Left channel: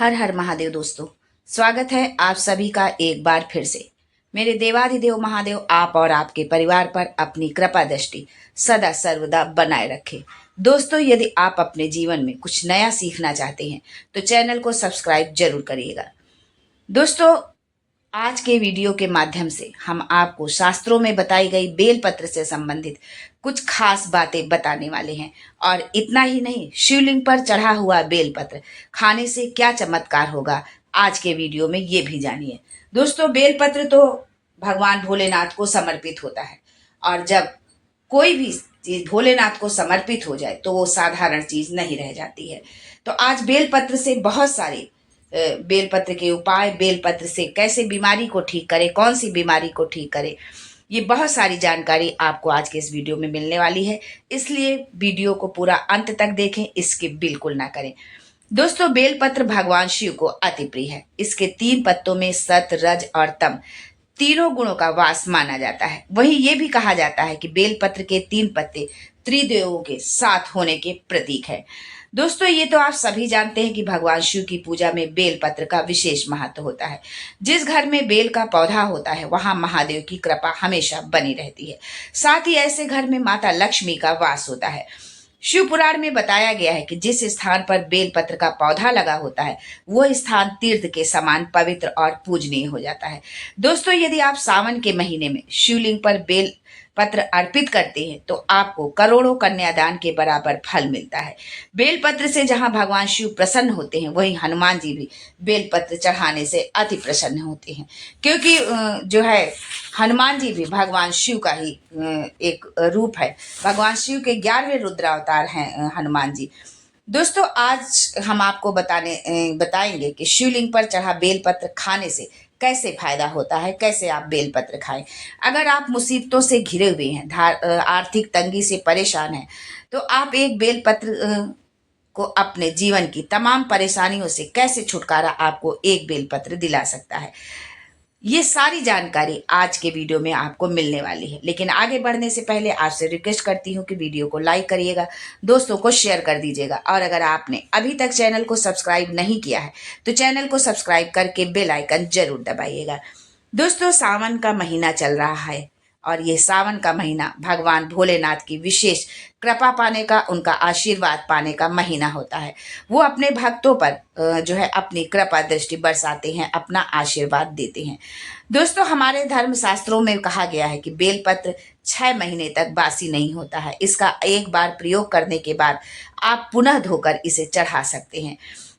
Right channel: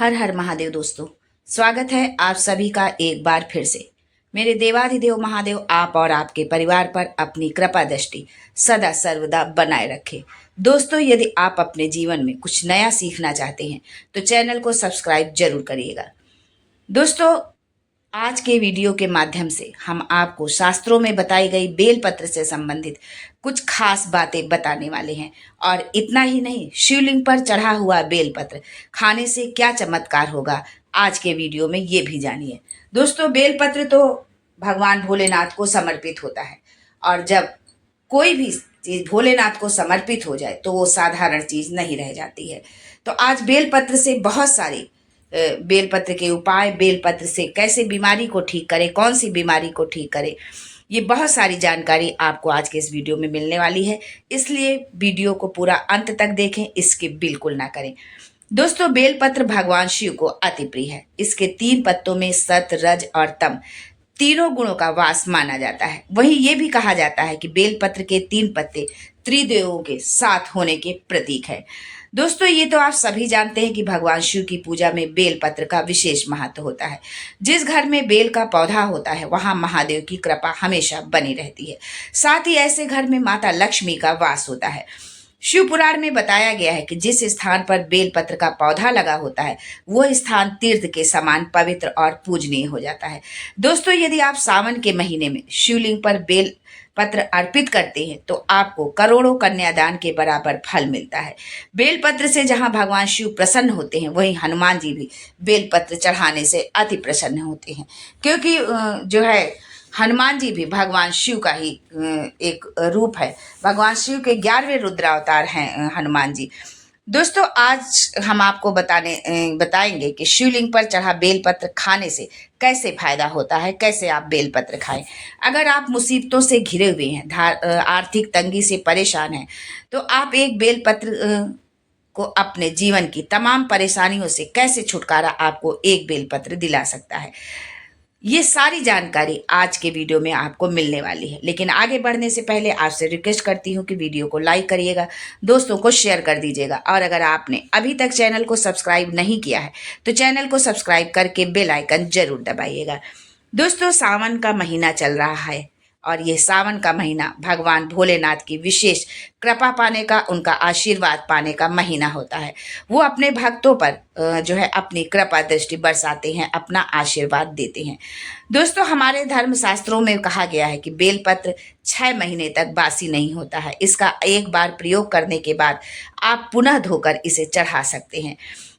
हर हर महादेव दोस्तों, स्वागत है आप सभी का एक बार फिर से। मेरे देवाधिदेव महादेव आप और आपके परिवार पर अपनी कृपा दृष्टि सदा सर्वदा बनाए रखे। दोस्तों, यदि आप अपने जीवन में कुछ नया सीखना चाहते हैं तो चैनल को सब्सक्राइब जरूर करिएगा। दोस्तों, आज के वीडियो के माध्यम से हम आपको शास्त्रों में बताई गई बेलपत्र से संबंधित कुछ खास बातें बताने वाले हैं। और इतना ही नहीं, शिवलिंग पर चढ़ा हुआ बेलपत्र खाने से क्या चमत्कार होगा, आज के वीडियो में ये भी जानिए। दोस्तों, बेलपत्र तो भगवान भोलेनाथ को समर्पित होता है, और जब कोई भी चीज भोलेनाथ को समर्पित हो जाए तो वो साधारण चीज नहीं रह जाती है। तो आज बेलपत्र से बहुत सारी बेलपत्र के उपाय, बेलपत्र से कैसे बीमारी को ठीक करें, कौन सी बीमारी को ठीक करें, ये बहुत सारी जानकारी आपको आज के इस वीडियो में मिलने वाली है। इसलिए वीडियो को पूरा अंत तक देखें, स्किप बिल्कुल ना करें। दोस्तों, बेलपत्र भगवान शिव को अति प्रिय है। इसके 3 पत्तों में सत, रज और तम तीनों गुणों का वास माना जाता है। वहीं ये भी कहा जाता है कि बेलपत्र के 3 पत्ते त्रिदेवों के साथ होने के प्रतीक है। दोस्तों, ये तो आप सभी जानते हैं कि भगवान शिव की पूजा में बेलपत्र का विशेष महत्व होता है। जिस घर में बेल का पौधा होता है वहां महादेव की कृपा हमेशा बनी रहती है। साथ ही ऐसे घर में माता लक्ष्मी का वास होता है। शिव पुराण में बताया गया है कि जिस स्थान पर बेलपत्र का पौधा लगा होता है वह स्थान तीर्थ के समान पवित्र और पूजनीय हो जाता है। दोस्तों, यदि आप सावन के महीने में शिवलिंग पर बेल पत्र अर्पित करते हैं तो आपको करोड़ों कन्यादान के बराबर फल मिलता है। बेलपत्र से जहां भगवान शिव प्रसन्न होते हैं, वहीं हनुमान जी भी बेलपत्र चढ़ाने से अति प्रसन्न होते हैं, क्योंकि जो है हनुमान जी भी भगवान शिव का ही एक रूप है। भगवान शिव के 11वें रुद्रावतार हैं हनुमान जी। दोस्तों, आज हम आपको बताएंगे कि शिवलिंग पर चढ़ा बेलपत्र खाने से कैसे फायदा होता है, कैसे आप बेलपत्र खाएं। अगर आप मुसीबतों से घिरे हुए हैं, आर्थिक तंगी से परेशान हैं, तो आप एक बेलपत्र को अपने जीवन की तमाम परेशानियों से कैसे छुटकारा आपको एक बेलपत्र दिला सकता है, ये सारी जानकारी आज के वीडियो में आपको मिलने वाली है। लेकिन आगे बढ़ने से पहले आपसे रिक्वेस्ट करती हूँ कि वीडियो को लाइक करिएगा, दोस्तों को शेयर कर दीजिएगा, और अगर आपने अभी तक चैनल को सब्सक्राइब नहीं किया है तो चैनल को सब्सक्राइब करके बेल आइकन जरूर दबाइएगा। दोस्तों, सावन का महीना चल रहा है, और ये सावन का महीना भगवान भोलेनाथ की विशेष कृपा पाने का, उनका आशीर्वाद पाने का महीना होता है। वो अपने भक्तों पर जो है अपनी कृपा दृष्टि बरसाते हैं, अपना आशीर्वाद देते हैं। दोस्तों, हमारे धर्म शास्त्रों में कहा गया है कि बेलपत्र 6 महीने तक बासी नहीं होता है। इसका एक बार प्रयोग करने के बाद आप पुनः धोकर इसे चढ़ा सकते हैं।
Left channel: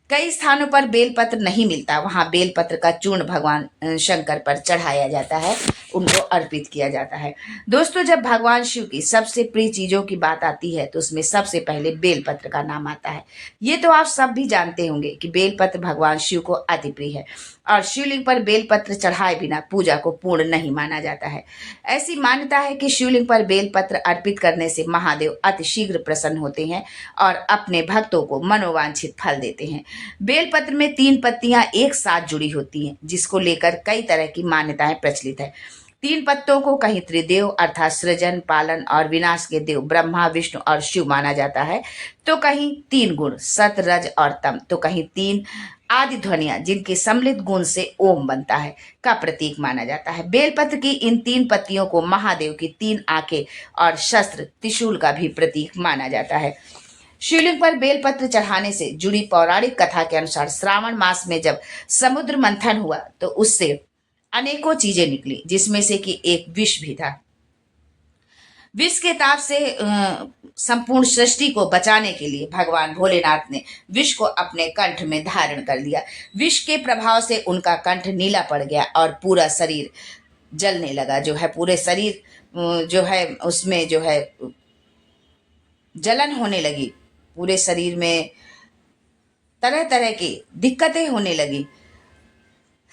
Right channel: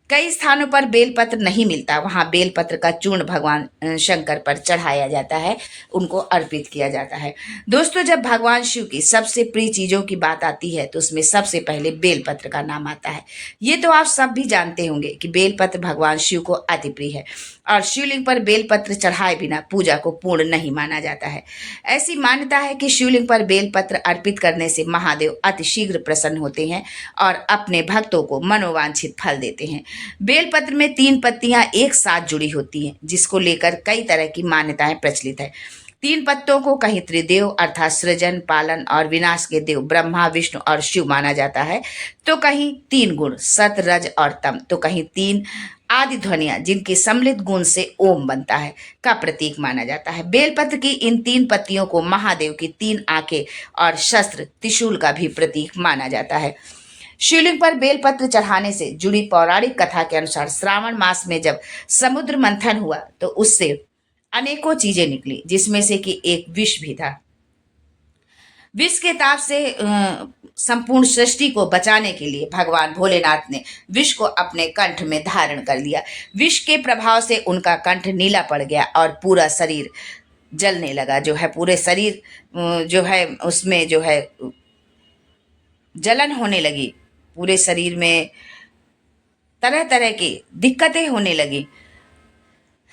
कई स्थानों पर बेलपत्र नहीं मिलता, वहां बेलपत्र का चूर्ण भगवान शंकर पर चढ़ाया जाता है, उनको अर्पित किया जाता है। दोस्तों, जब भगवान शिव की सबसे प्रिय चीजों की बात आती है तो उसमें सबसे पहले बेलपत्र का नाम आता है। ये तो आप सब भी जानते होंगे कि बेलपत्र भगवान शिव को अति प्रिय है, और शिवलिंग पर बेलपत्र चढ़ाए बिना पूजा को पूर्ण नहीं माना जाता है। ऐसी मान्यता है कि शिवलिंग पर बेलपत्र अर्पित करने से महादेव अति शीघ्र प्रसन्न होते हैं और अपने भक्तों को मनोवांछित फल देते हैं। बेलपत्र में 3 पत्तियां एक साथ जुड़ी होती हैं, जिसको लेकर कई तरह की मान्यताएं प्रचलित है। 3 पत्तों को कहीं त्रिदेव अर्थात सृजन, पालन और विनाश के देव ब्रह्मा, विष्णु और शिव माना जाता है, तो कहीं 3 गुण सत, रज और तम, तो कहीं 3 आदि ध्वनियां जिनके सम्मिलित गुण से ओम बनता है का प्रतीक माना जाता है। बेलपत्र की इन 3 पत्तियों को महादेव की 3 आंखें और शस्त्र त्रिशूल का भी प्रतीक माना जाता है। शिवलिंग पर बेलपत्र चढ़ाने से जुड़ी पौराणिक कथा के अनुसार श्रावण मास में जब समुद्र मंथन हुआ तो उससे अनेकों चीजें निकली, जिसमें से कि एक विष भी था। विष के ताप से संपूर्ण सृष्टि को बचाने के लिए भगवान भोलेनाथ ने विष को अपने कंठ में धारण कर लिया। विष के प्रभाव से उनका कंठ नीला पड़ गया और पूरा शरीर जलने लगा। जो है पूरे शरीर जो है उसमें जो है जलन होने लगी, पूरे शरीर में तरह तरह की दिक्कतें होने लगी,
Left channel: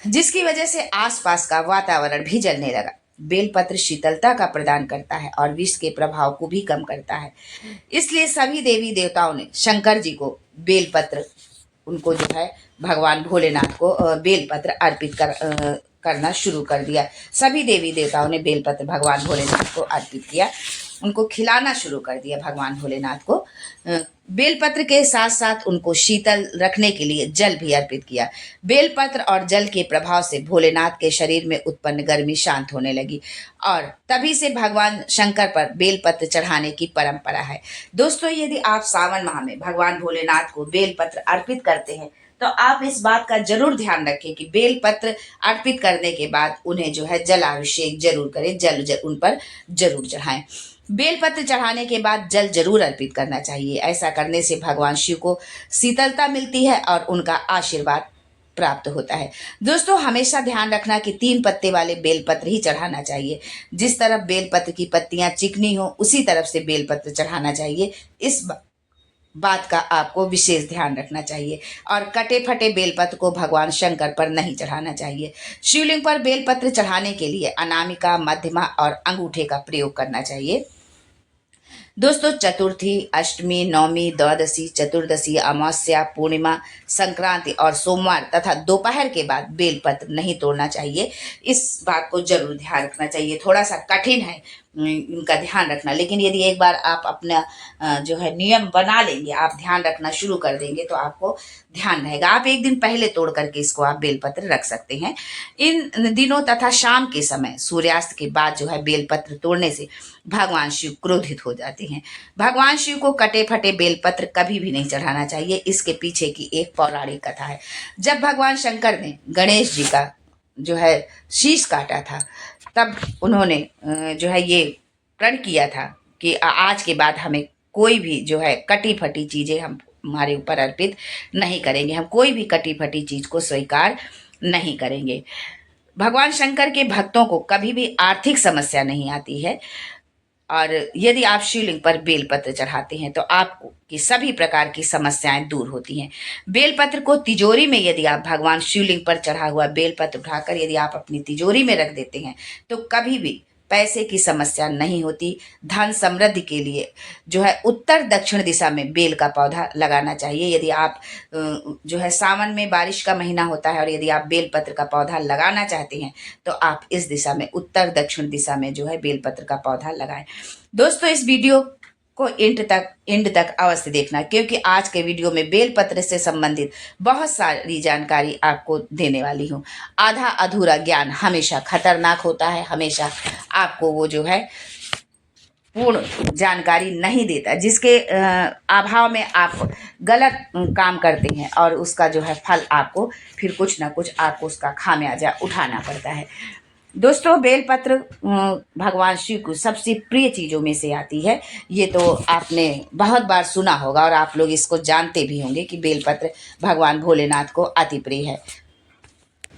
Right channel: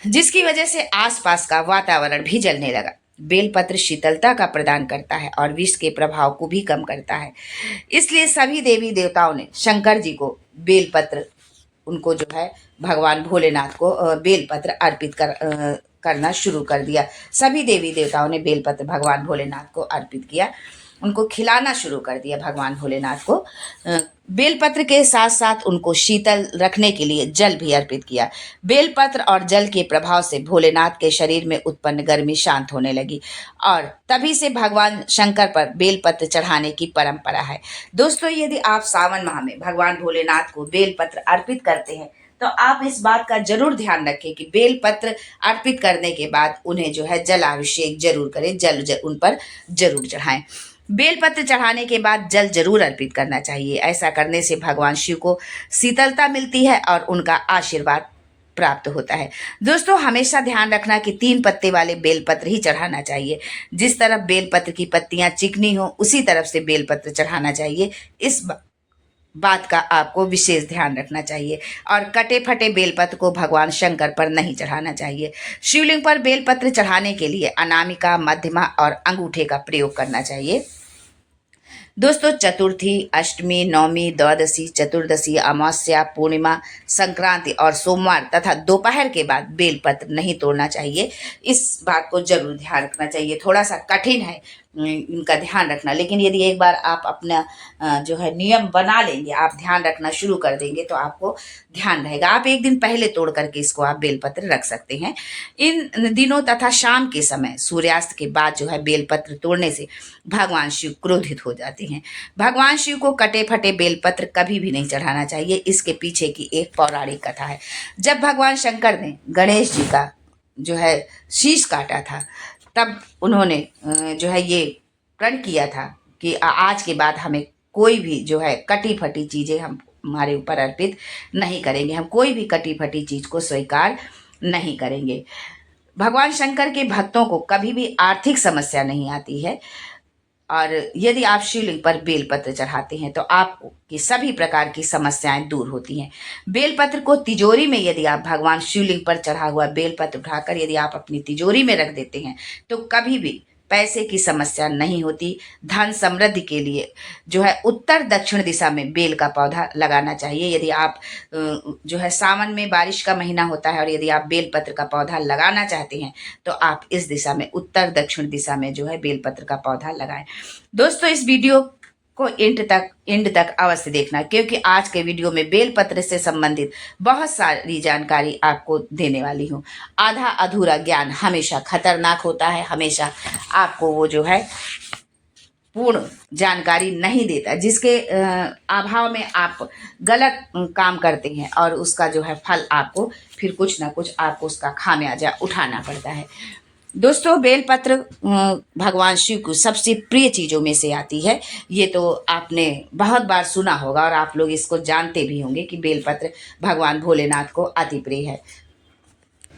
जिसकी वजह से आसपास का वातावरण भी जलने लगा। बेलपत्र शीतलता का प्रदान करता है और विष के प्रभाव को भी कम करता है। इसलिए सभी देवी देवताओं ने शंकर जी को बेलपत्र, उनको जो है भगवान भोलेनाथ को बेलपत्र अर्पित करना शुरू कर दिया। सभी देवी देवताओं ने बेलपत्र भगवान भोलेनाथ को अर्पित किया, उनको खिलाना शुरू कर दिया भगवान भोलेनाथ को। बेलपत्र के साथ साथ उनको शीतल रखने के लिए जल भी अर्पित किया। बेलपत्र और जल के प्रभाव से भोलेनाथ के शरीर में उत्पन्न गर्मी शांत होने लगी और तभी से भगवान शंकर पर बेलपत्र चढ़ाने की परंपरा है। दोस्तों, यदि आप सावन माह में भगवान भोलेनाथ को बेलपत्र अर्पित करते हैं तो आप इस बात का जरूर ध्यान रखें कि बेलपत्र अर्पित करने के बाद उन्हें जो है जलाभिषेक जरूर करें, जल उन पर जरूर चढ़ाएं। बेलपत्र चढ़ाने के बाद जल जरूर अर्पित करना चाहिए। ऐसा करने से भगवान शिव को शीतलता मिलती है और उनका आशीर्वाद प्राप्त होता है। दोस्तों, हमेशा ध्यान रखना कि 3 पत्ते वाले बेलपत्र ही चढ़ाना चाहिए। जिस तरफ बेलपत्र की पत्तियां चिकनी हो उसी तरफ से बेलपत्र चढ़ाना चाहिए। इस बात का आपको विशेष ध्यान रखना चाहिए और कटे फटे बेलपत्र को भगवान शंकर पर नहीं चढ़ाना चाहिए। शिवलिंग पर बेलपत्र चढ़ाने के लिए अनामिका, मध्यमा और अंगूठे का प्रयोग करना चाहिए। दोस्तों, चतुर्थी, अष्टमी, नवमी, द्वादशी, चतुर्दशी, अमावस्या, पूर्णिमा, संक्रांति और सोमवार तथा दोपहर के बाद बेलपत्र नहीं तोड़ना चाहिए। इस बात को जरूर ध्यान रखना चाहिए। थोड़ा सा कठिन है इनका ध्यान रखना, लेकिन यदि एक बार आप अपना जो है नियम बना लेंगे, आप ध्यान रखना शुरू कर देंगे तो आपको ध्यान रहेगा। आप एक दिन पहले तोड़ करके इसको आप बेलपत्र रख सकते हैं। इन दिनों तथा शाम के समय सूर्यास्त के बाद जो है बेलपत्र तोड़ने से भगवान शिव क्रोधित हो जाते हैं। भगवान शिव को कटे फटे बेलपत्र कभी भी नहीं चढ़ाना चाहिए। इसके पीछे की एक पौराणिक कथा है। जब भगवान शंकर ने गणेश जी का जो है शीश काटा था, तब उन्होंने जो है ये प्रण किया था कि आज के बाद हमें कोई भी जो है कटी फटी चीज़ें हम हमारे ऊपर अर्पित नहीं करेंगे। हम कोई भी कटी फटी चीज़ को स्वीकार नहीं करेंगे। भगवान शंकर के भक्तों को कभी भी आर्थिक समस्या नहीं आती है और यदि आप शिवलिंग पर बेलपत्र चढ़ाते हैं तो आपको की सभी प्रकार की समस्याएं दूर होती हैं। बेलपत्र को तिजोरी में यदि आप भगवान शिवलिंग पर चढ़ा हुआ बेलपत्र उठाकर यदि आप अपनी तिजोरी में रख देते हैं तो कभी भी पैसे की समस्या नहीं होती। धन समृद्धि के लिए जो है उत्तर दक्षिण दिशा में बेल का पौधा लगाना चाहिए। यदि आप जो है सावन में बारिश का महीना होता है और यदि आप बेलपत्र का पौधा लगाना चाहते हैं तो आप इस दिशा में उत्तर दक्षिण दिशा में जो है बेलपत्र का पौधा लगाएं। दोस्तों, इस वीडियो को एंड तक अवश्य देखना, क्योंकि आज के वीडियो में बेलपत्र से संबंधित बहुत सारी जानकारी आपको देने वाली हूँ। आधा अधूरा ज्ञान हमेशा खतरनाक होता है। हमेशा आपको वो जो है पूर्ण जानकारी नहीं देता, जिसके अभाव में आप गलत काम करते हैं और उसका जो है फल आपको फिर कुछ ना कुछ आपको उसका खामियाजा उठाना पड़ता है। दोस्तों, बेलपत्र भगवान शिव को सबसे प्रिय चीज़ों में से आती है। ये तो आपने बहुत बार सुना होगा और आप लोग इसको जानते भी होंगे कि बेलपत्र भगवान भोलेनाथ को अति प्रिय है।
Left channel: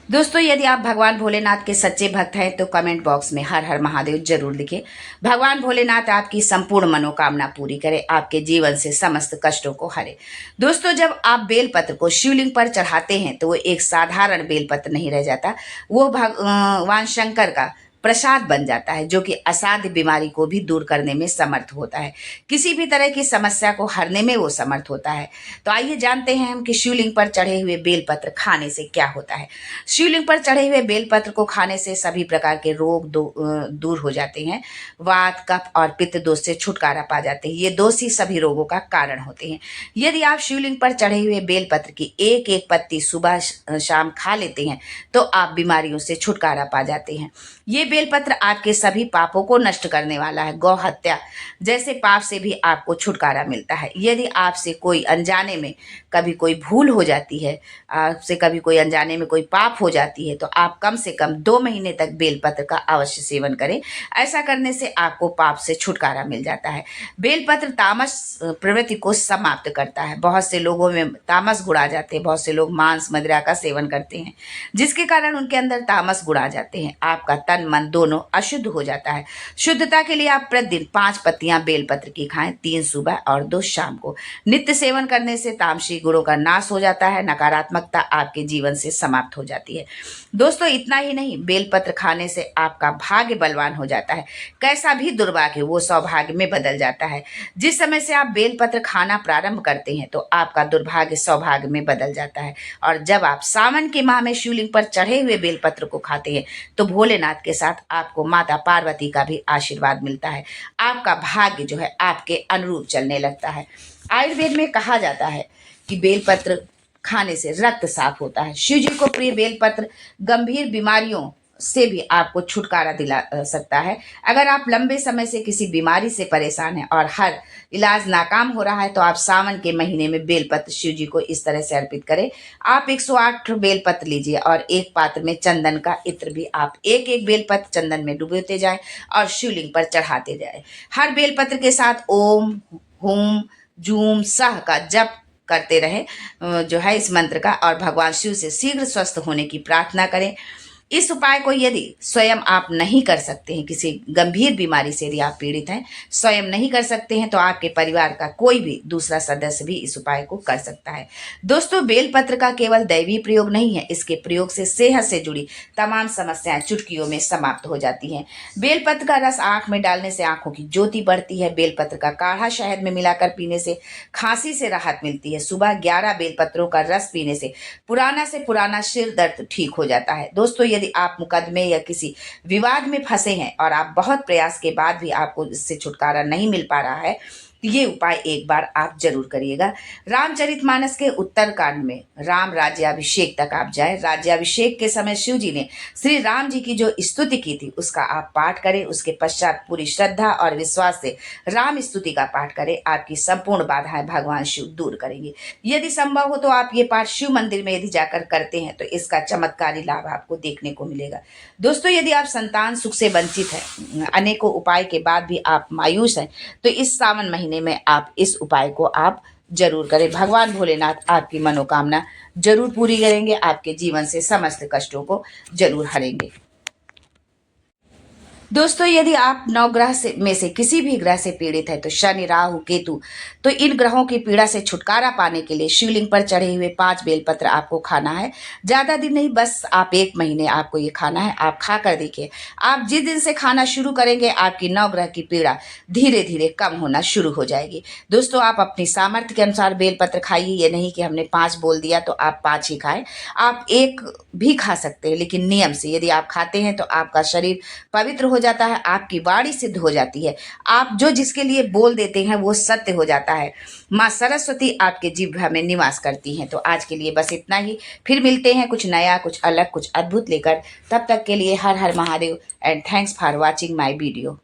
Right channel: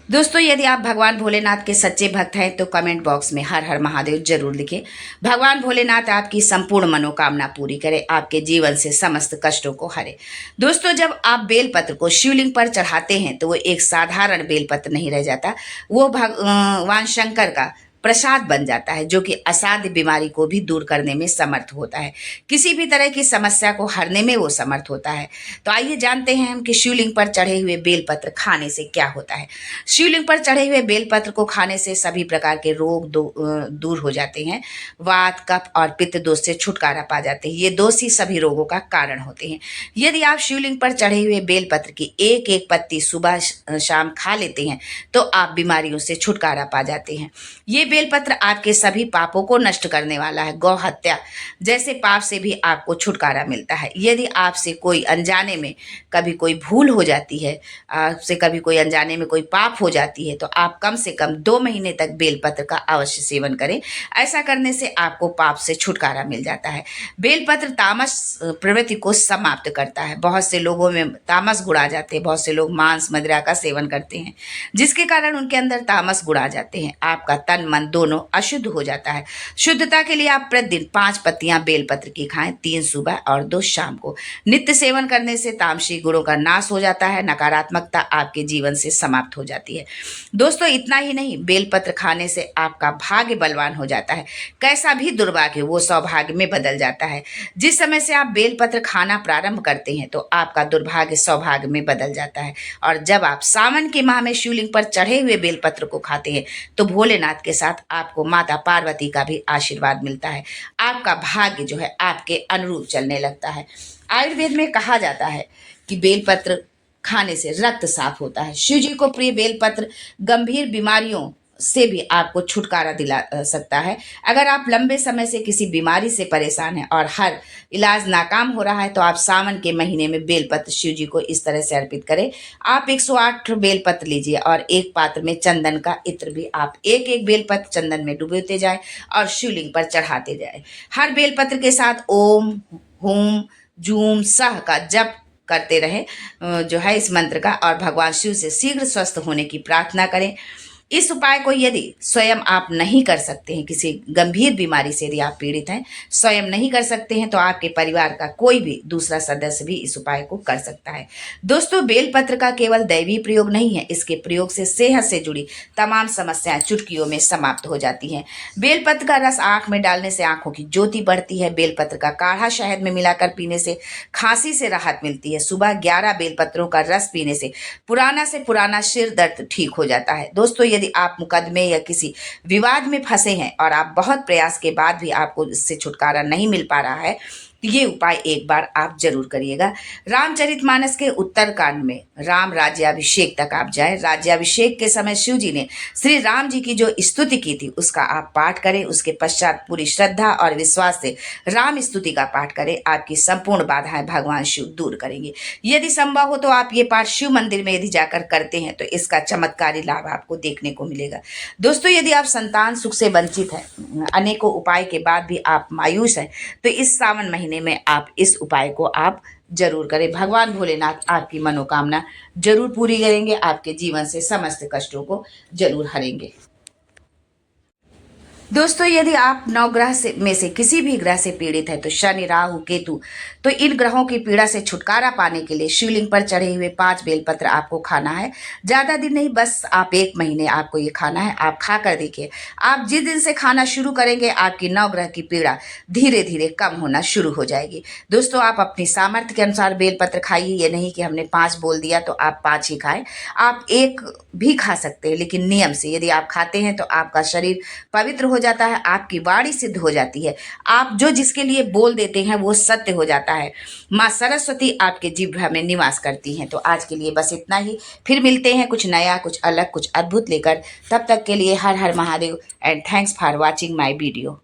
दोस्तों, यदि आप भगवान भोलेनाथ के सच्चे भक्त हैं तो कमेंट बॉक्स में हर हर महादेव जरूर लिखें। भगवान भोलेनाथ आपकी संपूर्ण मनोकामना पूरी करे, आपके जीवन से समस्त कष्टों को हरे। दोस्तों, जब आप बेलपत्र को शिवलिंग पर चढ़ाते हैं तो वो एक साधारण बेलपत्र नहीं रह जाता, वो भगवान शंकर का प्रसाद बन जाता है, जो कि असाध्य बीमारी को भी दूर करने में समर्थ होता है। किसी भी तरह की समस्या को हरने में वो समर्थ होता है। तो आइए जानते हैं हम कि शिवलिंग पर चढ़े हुए बेलपत्र खाने से क्या होता है। शिवलिंग पर चढ़े हुए बेलपत्र को खाने से सभी प्रकार के रोग दूर हो जाते हैं। वात, कफ और पित्त दोष से छुटकारा पा जाते हैं। ये दोष ही सभी रोगों का कारण होते हैं। यदि आप शिवलिंग पर चढ़े हुए बेलपत्र की एक एक पत्ती सुबह शाम खा लेते हैं तो आप बीमारियों से छुटकारा पा जाते हैं। ये बेलपत्र आपके सभी पापों को नष्ट करने वाला है। गौ हत्या जैसे पाप से भी आपको छुटकारा मिलता है। यदि आपसे कोई अनजाने में कभी कोई भूल हो जाती है, आपसे कभी कोई अनजाने में कोई पाप हो जाती है, तो आप कम से कम 2 महीने तक बेलपत्र का अवश्य सेवन करें। ऐसा करने से आपको पाप से छुटकारा मिल जाता है। बेलपत्र तामस प्रवृत्ति को समाप्त करता है। बहुत से लोगों में तामस गुण आ जाते हैं। बहुत से लोग मांस मदिरा का सेवन करते हैं, जिसके कारण उनके अंदर तामस गुण आ जाते हैं। आपका तन मन दोनों अशुद्ध हो जाता है। शुद्धता के लिए आप प्रतिदिन 5 पत्तियां बेलपत्र की खाएं, 3 सुबह और 2 शाम को। नित्य सेवन करने से तामसी गुणों का नाश हो जाता है। नकारात्मकता आपके जीवन से समाप्त हो जाती है। दोस्तों, इतना ही नहीं, बेलपत्र खाने से आपका भाग्य बलवान हो जाता है। कैसा भी दुर्भाग्य वो सौभाग्य में बदल जाता है। जिस समय से आप बेलपत्र खाना प्रारंभ करते हैं तो आपका दुर्भाग्य सौभाग्य में बदल जाता है। और जब आप सावन के माह में शिवलिंग पर चढ़े हुए बेलपत्र को खाते हैं तो भोलेनाथ के साथ साथ आपको माता पार्वती का भी आशीर्वाद मिलता है। आपका भाग्य जो है आपके अनुरूप चलने लगता है। आयुर्वेद में कहा जाता है कि बेलपत्र खाने से रक्त साफ होता है। शिव जी को प्रिय बेलपत्र गंभीर बीमारियों से भी आपको छुटकारा दिला सकता है। अगर आप लंबे समय से किसी बीमारी से परेशान हैं और हर इलाज नाकाम हो रहा है तो आप सावन के महीने में बेलपत्र शिव जी को इस तरह से अर्पित करें। आप 108 बेलपत्र लीजिए और एक पात्र में चंदन का इत्र भी आप एक एक बेलपत्र चंदन में डुबोते जाए और शिवलिंग पर चढ़ाते जाए। हर बेलपत्र के साथ ओम हुम जूम सह का जप करते रहे जो है इस मंत्र का, और भगवान शिव से शीघ्र स्वस्थ होने की प्रार्थना करें। इस उपाय को यदि स्वयं आप नहीं कर सकते हैं, किसी गंभीर बीमारी से यदि आप पीड़ित हैं, स्वयं नहीं कर सकते हैं, तो आपके परिवार का कोई भी दूसरा सदस्य भी इस उपाय को कर सकता है। दोस्तों, बेलपत्र का केवल दैवीय प्रयोग नहीं है, इसके प्रयोग से सेहत से जुड़ी तमाम समस्याएं चुटकियों में समाप्त हो जाती हैं। बेलपत्र का रस आंख में डालने से आंखों की ज्योति बढ़ती है। बेलपत्र का काढ़ा शहद में मिलाकर पीने से खांसी से राहत मिलती है। सुबह 11 बेलपत्रों का रस पीने से पुराना सिर दर्द ठीक हो जाता है। दोस्तों, यदि आप मुकदमे या किसी विवाद में फंसे हैं और आप बहुत प्रयास के बाद भी आपको इससे छुटकारा नहीं मिल पा रहा है, तो ये उपाय एक बार आप जरूर करिएगा। रामचरितमानस के उत्तरकांड में राम राज्याभिषेक तक आप जाए। राज्याभिषेक के समय शिव जी ने श्री राम जी की जो स्तुति की थी उसका आप पाठ करें। उसके पश्चात पूरी श्रद्धा और विश्वास से राम स्तुति का पाठ करें। आपकी संपूर्ण बाधाएं भगवान शिव दूर करेंगे। यदि संभव हो तो आप ये पाठ शिव मंदिर में यदि जाकर करते हैं तो इसका चमत्कारी लाभ आपको देखने को मिलेगा। दोस्तों, यदि आप संतान सुख से वंचित हैं, अनेकों उपाय के बाद भी आप मायूस हैं, तो इस सावन महीने में आप इस उपाय को आप जरूर करें। भगवान भोलेनाथ आपकी मनोकामना जरूर पूरी करेंगे, आपके जीवन से समस्त कष्टों को जरूर हरेंगे। दोस्तों, यदि आप 9 ग्रह में से किसी भी ग्रह से पीड़ित है, तो शनि राहु केतु, तो इन ग्रहों की पीड़ा से छुटकारा पाने के लिए शिवलिंग पर चढ़े हुए 5 बेलपत्र आपको खाना है। ज़्यादा दिन नहीं, बस आप 1 महीने आपको ये खाना है। आप खा कर देखिए, आप जिस दिन से खाना शुरू करेंगे आपकी 9 ग्रह की पीड़ा धीरे धीरे कम होना शुरू हो जाएगी। दोस्तों, आप अपनी सामर्थ्य के अनुसार बेलपत्र खाइए। ये नहीं कि हमने 5 बोल दिया तो आप 5 ही खाएं। आप 1 भी खा सकते हैं, लेकिन नियम से। यदि आप खाते हैं तो आपका शरीर पवित्र हो जाता है, आपकी वाणी सिद्ध हो जाती है। आप जो जिसके लिए बोल देते हैं वो सत्य हो जाता है। माँ सरस्वती आपके जिह्वा में निवास करती हैं। तो आज के लिए बस इतना ही। फिर मिलते हैं कुछ नया, कुछ अलग, कुछ अद्भुत लेकर। तब तक के लिए Har Har Mahadev and thanks for watching my video.